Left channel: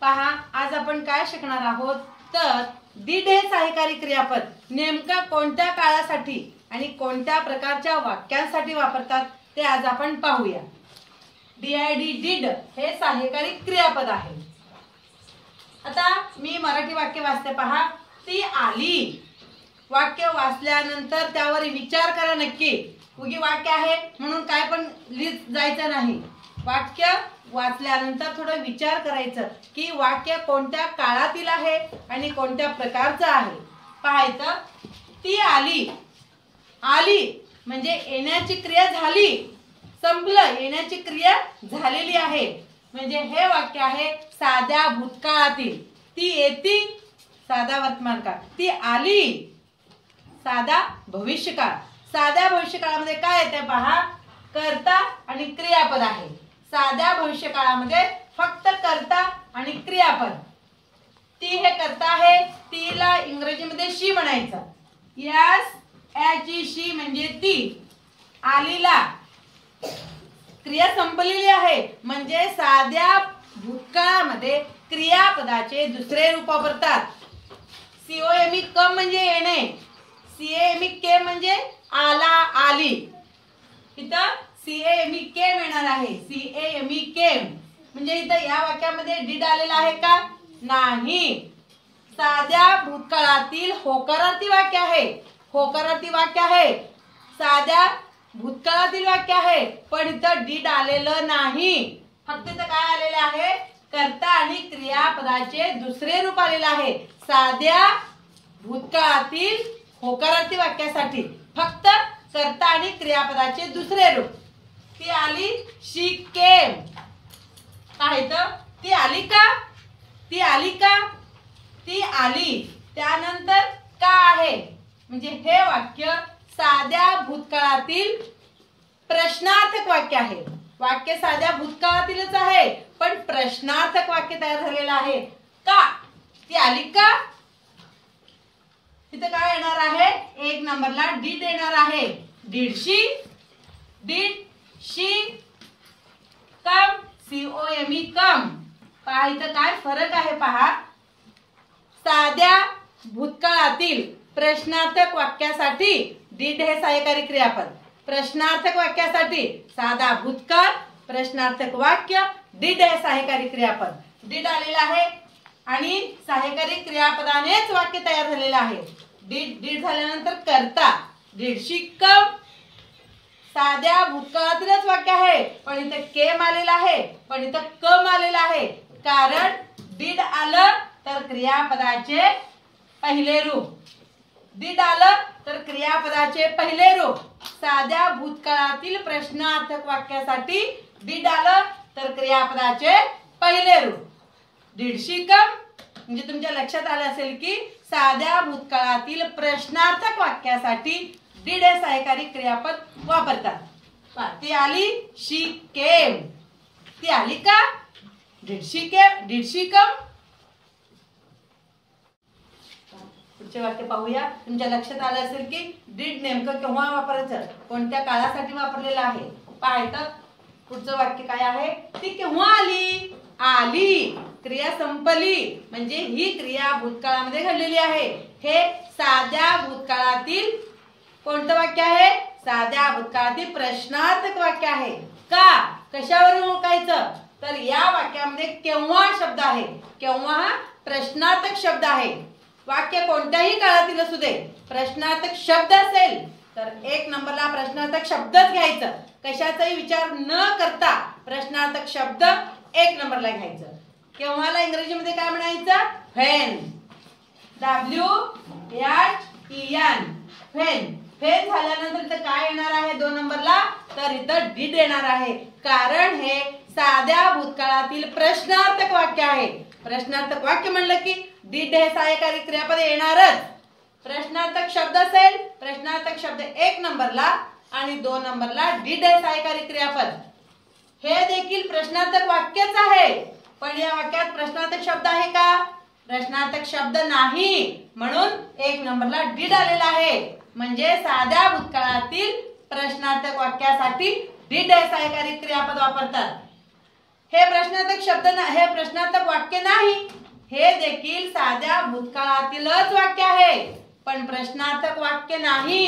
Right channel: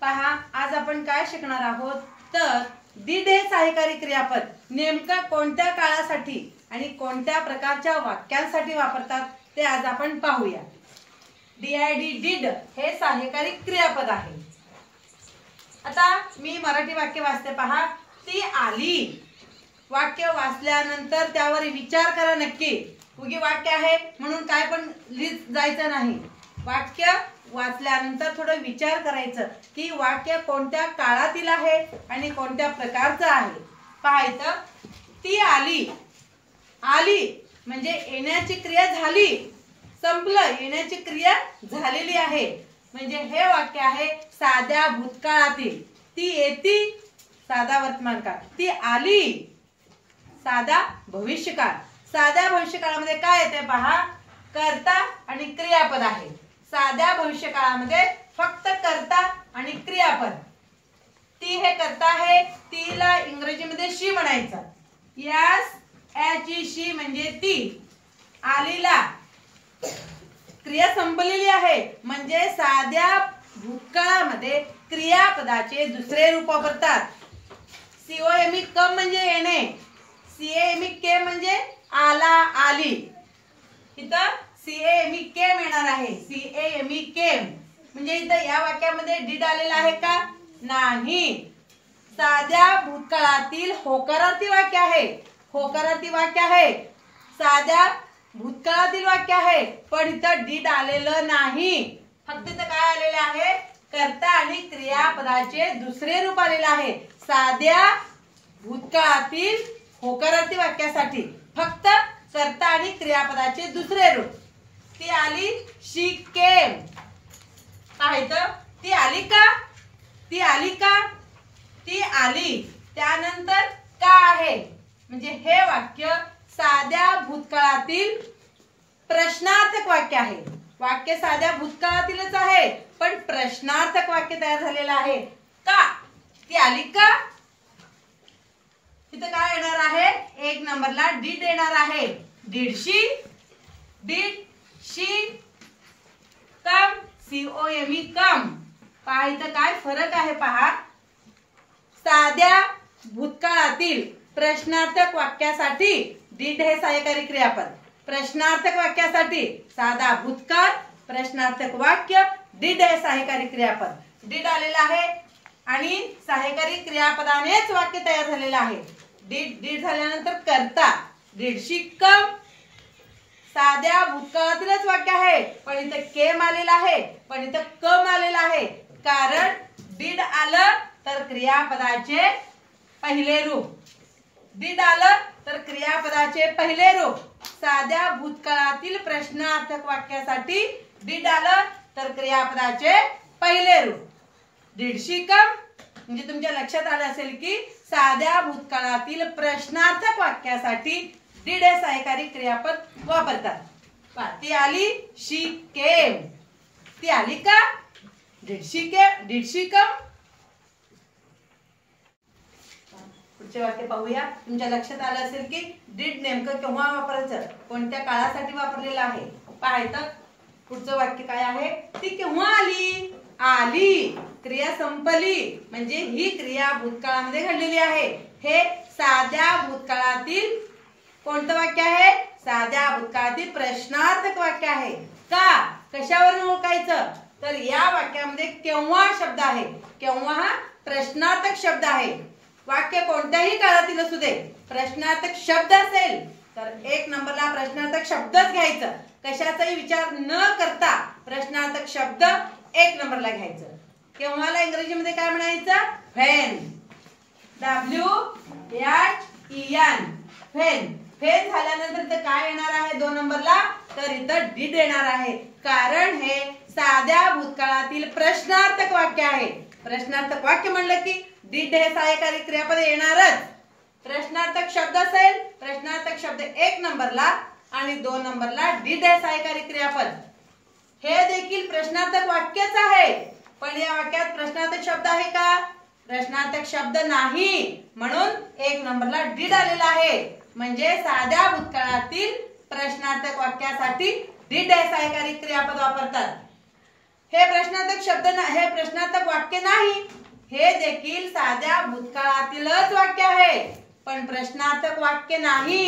पहा, आज आपण काय शिकणार आहोत तर did हे सहाय्यकारी क्रियापद नेमका कोणत्या काळासाठी आणि कोणत्या प्रकारच्या वाक्यांसाठी वापरतात ते आज आपण पाहूया। did हे सहाय्यकारी क्रियापद आहे। आता मी मराठी वाक्य वाचते पहा। ती आली। वाक्य वाचल्यानंतर त्यावर विचार करा नक्की। उगी वाक्य आहे म्हणून काय पण लिहित जायचं नाही। वाक्य वाचल्यानंतर थोडं विचार करायचं की वाक्य कोणत्या काळातील आहे आणि कोणत्या प्रकारचं आहे। पाहायचं, ती आली। आली म्हणजे येण्याची क्रिया झाली, संपलं, येण्याची क्रिया झालेली आहे। म्हणजे हे वाक्य आहे साध्या भूतकाळातील। ती येती साधा वर्तमान काळ, ती आली साधा भविष्यकाळ। साध्या भविष्यकाळामध्ये काय येते पहा, कर्ता आणि क्रियापद आहे। साध्या भविष्यकाळामध्ये फक्त कर्ता आणि क्रियापद। ती हे कर्ता आहे, तीला इंग्रजीमध्ये शी म्हणायचं। यस याची शी म्हणजे ती। आलीला क्रिया संपलेली आहे म्हणजे साध्या भूतकाळामध्ये क्रियापदाचे दुसरे रूप वापरतात। COME कम म्हणजे येणे, CAME म्हणजे आला, आली। इथं CAME येणार आहे। CAME म्हणजे इथं या वाक्यामध्ये did आलेला आहे का? नाही। साध्या भूतकाळातील होकारार्थी वाक्य आहे। होकारार्थी वाक्य आहे, साध्या भूतकाळातील वाक्य आहे, पण इथं did आलेलं नाही। फक्त इथं काय आलेलं आहे, कर्ता आणि क्रियापदाचे दुसरे रूप आलेलं आहे। साध्या भूतकाळातील होकारार्थी वाक्यासाठी फक्त कर्ता आणि क्रियापदाचे दुसरे रूप। ती आली, शी केम। पाहायचं, ती आली का? ती आली का? ती आली। त्यानंतर का आहे म्हणजे हे वाक्य साध्या भूतकाळातील प्रश्नार्थक वाक्य आहे। वाक्य साध्या भूतकाळातीलच आहे पण प्रश्नार्थक वाक्य तयार झालेलं आहे। का? ती आली का? इथे काय येणार आहे, एक नंबरला did येणार आहे। did she come, COME come। पहा इथं काय फरक आहे पहा। साध्या भूतकाळातील प्रश्नार्थक वाक्यासाठी did हे सहाय्यकारी क्रियापद, प्रश्नार्थक वाक्यासाठी साधा भूतकाळ, प्रश्नार्थक वाक्य did हे सहाय्यकारी क्रियापद। did आलेला आहे आणि सहाय्यकारी क्रियापदानेच वाक्य तयार झालेलं आहे। did झाल्यानंतर कर्ता, did she come, साध्या भूतकाळातीलच वाक्य आहे पण इथे केम आलेला आहे, पण इथे कम आलेला आहे। कारण did आलं तर क्रियापदाचे पहिले रूप, did आलं तर क्रियापदाचे पहिले रूप। साध्या भूतकाळातील प्रश्नार्थक वाक्यासाठी did आलं तर क्रियापदाचे पहिले रूप। did she come म्हणजे तुमच्या लक्षात आलं असेल की साध्या भूतकाळातील प्रश्नार्थक वाक्यासाठी did हे सहाय्यकारी क्रियापद वापरतात। ती आली, शी केम। ती आली का? did she come। पुढचे वाक्य पाहूया। तुमच्या लक्षात आलं असेल की did नेमकं केव्हा वापरायचं, कोणत्या काळासाठी वापरलेलं आहे। पाहायचं, पुढचं वाक्य काय आहे, ती केव्हा आली? आली, क्रिया संपली म्हणजे ही क्रिया भूतकाळामध्ये घडलेली आहे। हे साध्या भूतकाळातील कोणतं वाक्य आहे, साध्या भूतकाळातील प्रश्नार्थक वाक्य आहे। का? कशावरून ओळखायचं तर या वाक्यामध्ये केव्हा शब्द आहे। केव्हा हा प्रश्नार्थक शब्द आहे। वाक्य कोणत्याही काळातील असू दे, प्रश्नार्थक शब्द असेल तर एक नंबरला प्रश्नार्थक शब्दच घ्यायचं। कशाचाही विचार न करता प्रश्नार्थक शब्द एक नंबरला घ्यायचं। केव्हाला इंग्रजीमध्ये काय म्हणायचं, व्हेन, WHEN, व्हेन। व्हेन झाल्यानंतर इथं काय येणार आहे दोन नंबरला, तर इथं did येणार आहे। कारण हे साध्या भूतकाळातील प्रश्नार्थक वाक्य आहे। प्रश्नार्थक वाक्य म्हणलं की did हे सहाय्यकारी क्रियापद येणारच। प्रश्नार्थक शब्द असेल, प्रश्नार्थक शब्द एक नंबरला आणि दोन नंबरला did हे सहाय्यकारी क्रियापद। हे देखील प्रश्नार्थक वाक्यच आहे पण या वाक्यात प्रश्नार्थक शब्द आहे का? प्रश्नार्थक शब्द नाही, म्हणून एक नंबरला did आलेला आहे। म्हणजे साध्या भूतकाळातील प्रश्नार्थक वाक्यासाठी did हे सहाय्यकारी क्रियापद वापरतात। हे प्रश्नार्थक शब्द हे प्रश्नार्थक वाक्य नाही, हे देखील साध्या भूतकाळातीलच वाक्य आहे, पण प्रश्नार्थक वाक्य नाही।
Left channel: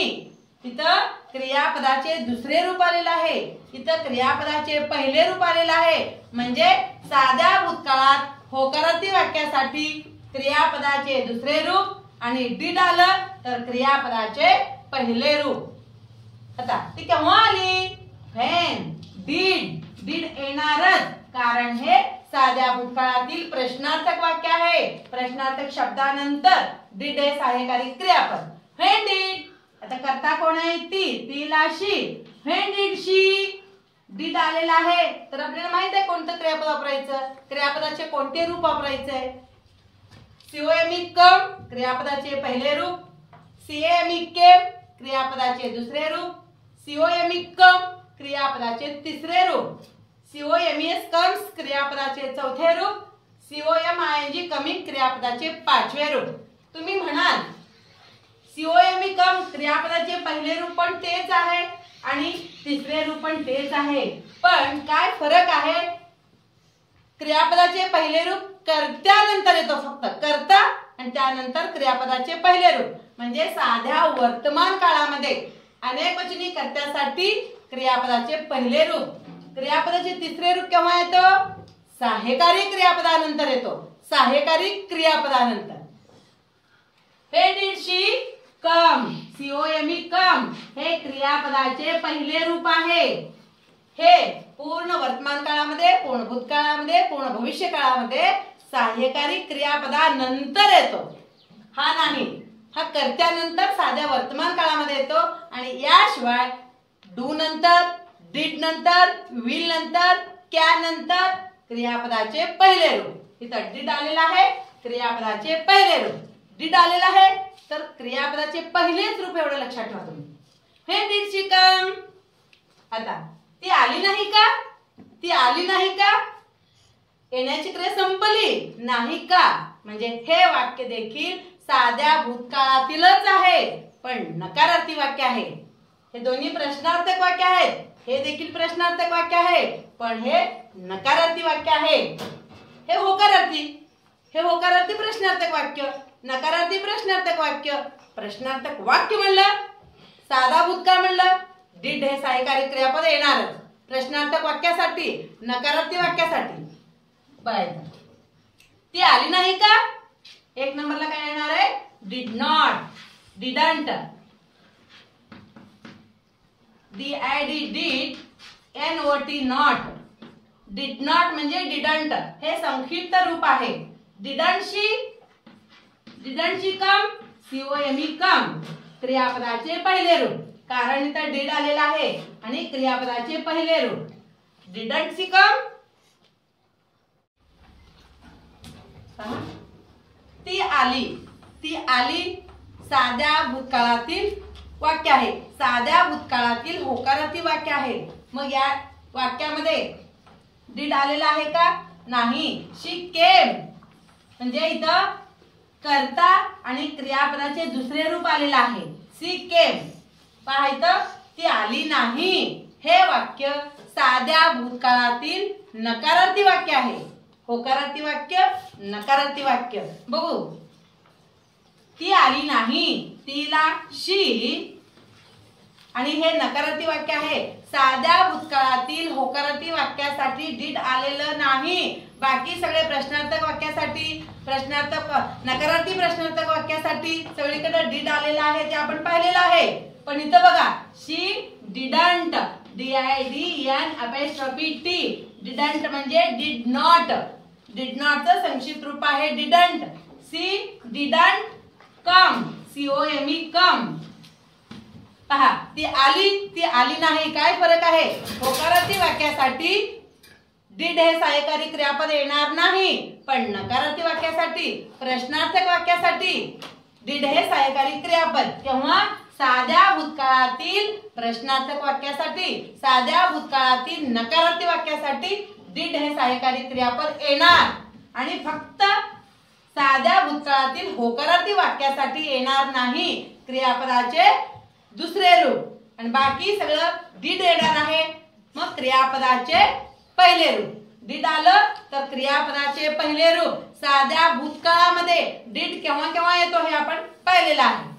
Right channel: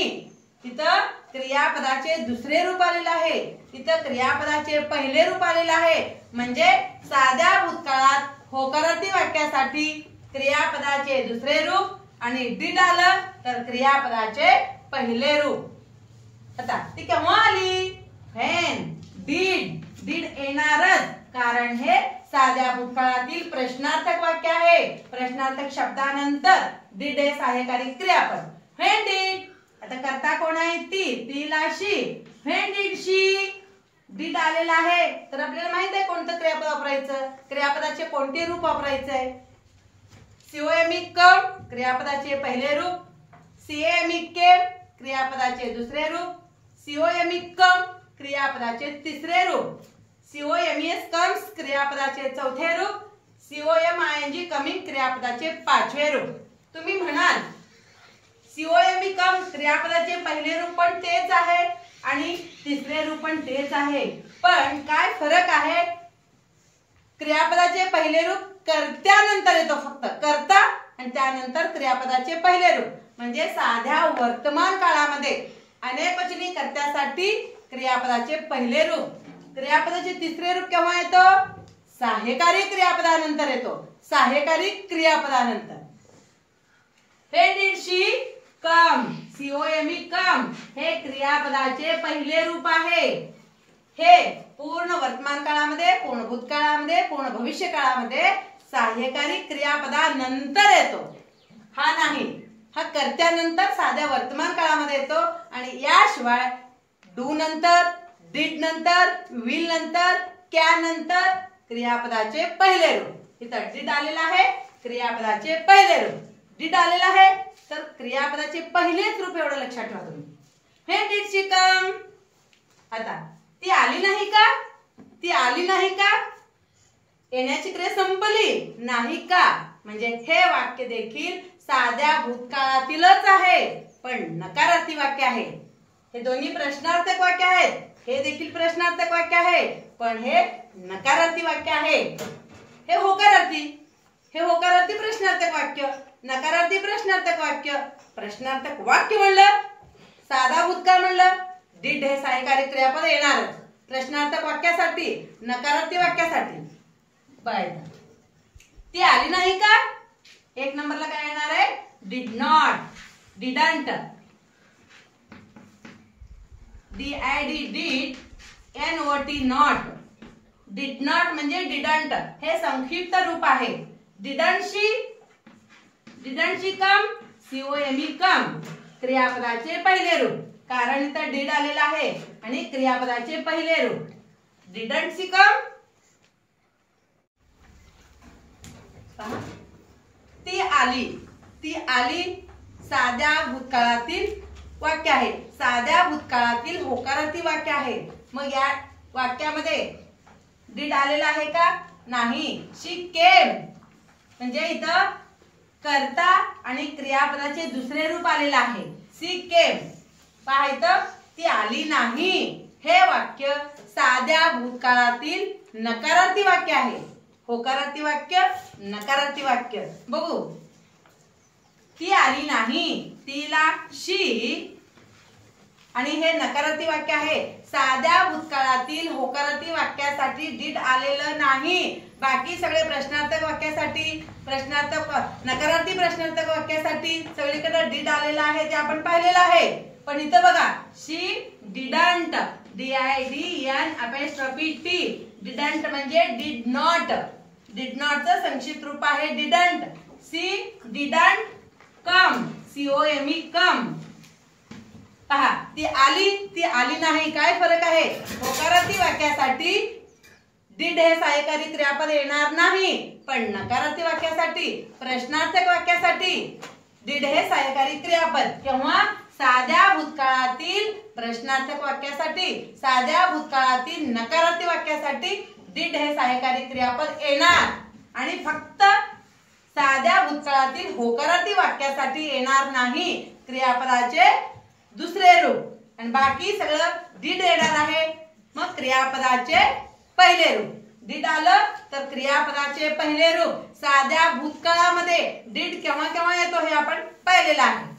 तिथं क्रियापदाचे दुसरे रूप आलेले आहे, तिथं क्रियापदाचे पहिले रूप आलेले आहे। म्हणजे साध्या भूतकाळात होकारार्थी वाक्यासाठी क्रियापदाचे दुसरे रूप आणि did आलं तर क्रियापदाचे पहिले रूप। आता ती केव्हा आली? when did येणारच, कारण हे साध्या भूतकाळातील प्रश्नार्थक वाक्य आहे। प्रश्नार्थक शब्दानंतर did हे सहाय्यकारी क्रियापद। when did, आता कर्ता कोण आहे? तीला शी। when did she, did आलेला आहे तर आपल्याला माहित आहे कोणतं क्रियापद वापरायचं, क्रियापदाचे कोणते रूप वापरायचे? COME come क्रियापदाचे पहिले रूप, CAME came क्रियापदाचे दुसरे रूप, COME come क्रियापदाचे तिसरे रूप, COMES comes क्रियापदाचे चौथे रूप, COMING coming क्रियापदाचे पाचवे रूप। तुम्ही म्हणाल COME come क्रियापदाचे पहिले रूप पण तेच आहे आणि तिसरे रूप पण तेच आहे, पण काय फरक आहे? क्रियापदाचे पहिले रूप कर्त्यानंतर येतो, फक्त कर्ता आणि त्यानंतर क्रियापदाचे पहिले रूप। म्हणजे साध्या वर्तमान काळामध्ये अनेकवचनी कर्त्यासाठी क्रियापदाचे पहिले रूप, क्रियापदाचे तिसरे रूप केव्हा येतो? सहाय्यकारी क्रियापदानंतर येतो, सहाय्यकारी क्रियापदानंतर। when did she come, COME come हे क्रियापदाचे पहिले रूप आहे। हे पूर्ण वर्तमान काळामध्ये, पूर्ण भूतकाळामध्ये, पूर्ण भविष्य काळामध्ये सहाय्यकारी क्रियापदानंतर येतो, हा नाही, हा कर्त्यानंतर साध्या वर्तमान काळामध्ये येतो। आणि याशिवाय डू नंतर, डिड नंतर, विल नंतर, कॅन नंतर क्रियापदाचे पहिले रूप। इथं डिड आलेला आहे, क्रियापदाचे पहिले रूप, डिड आलेला आहे तर क्रियापदाचे पहिलेच रूप, एवढं लक्षात ठेवा तुम्ही। when did she come, आता ती आली नाही का? ती आली नाही का? येण्याची क्रिया संपली नाही का? म्हणजे हे वाक्य देखील साध्या भूतकाळातीलच आहे, पण नकारार्थी वाक्य आहे। हे दोन्ही प्रश्नार्थक वाक्य आहेत, हे देखील प्रश्नार्थक वाक्य आहे, पण हे नकारार्थी वाक्य आहे। हे होकारार्थी, हे होकारार्थी प्रश्नार्थक वाक्य, नकारार्थी प्रश्नार्थक वाक्य। प्रश्नार्थक वाक्य म्हणलं, साधा भूतकाळ म्हणलं, did हे सहाय्यकारी क्रियापद येणारच प्रश्नार्थक वाक्यासाठी, नकारार्थी वाक्यासाठी। बघायचं ती आली नाही का? एक नंबरला काय येणार आहे? did not, didn't, did, not, did not म्हणजे didn't हे संक्षिप्त रूप आहे। didn't she come, COME come क्रियापदाचे पहिले रूप, कारण इथं did आलेला आहे आणि क्रियापदाचे पहिले रूप। didn't she come, ती आली, ती आली साध्या भूतकाळातील वाक्य आहे, साध्या भूतकाळातील होकारार्थी वाक्य आहे। मग या वाक्यामध्ये did आलेला आहे का? नाही। she came म्हणजे इथं कर्ता आणि क्रियापदाचे दुसरे रूप आलेले आहे, she came। पहा इथं ती आली नाही, हे वाक्य साध्या भूतकाळातील नकारार्थी वाक्य आहे। होकारार्थी वाक्य, नकारार्थी वाक्य बघू। ती आली नाही, तिला शी, आणि हे नकारार्थी वाक्य आहे। साध्या भूतकाळातील होकारार्थी वाक्यासाठी did आलेलं नाही, बाकी सगळे प्रश्नार्थक वाक्यासाठी, नकारार्थी प्रश्नार्थक वाक्यासाठी सगळीकडे did आलेला आहे, ते आपण पाहिलेलं आहे। पण इथं बघा she didn't, DIDNT, didn't म्हणजे did not, did not चं संक्षिप्त रूप आहे didn't। she didn't come, COME come। पहा ती आली, ती आली नाही, काय फरक आहे? होकारार्थी वाक्यासाठी did हे सहाय्यकारी क्रियापद येणार नाही, पण नकारार्थी वाक्यासाठी, प्रश्नार्थक वाक्यासाठी did हे सहाय्यकारी क्रियापद। तेव्हा साध्या भूतकाळातील प्रश्नार्थक वाक्यासाठी, साध्या भूतकाळातील नकारार्थी वाक्यासाठी did हे सहाय्यकारी क्रियापद येणार आणि फक्त साध्या भूतकाळातील होकारार्थी वाक्यासाठी येणार नाही क्रियापदाचे दुसरे रूप, आणि बाकी सगळं did येणार आहे। मग क्रियापदाचे पहिले रूप, डिड आलं तर क्रियापदाचे पहिले रूप. साध्या भूतकाळामध्ये डिड केव्हा केव्हा येतो हे आपण पाहिलेलं आहे.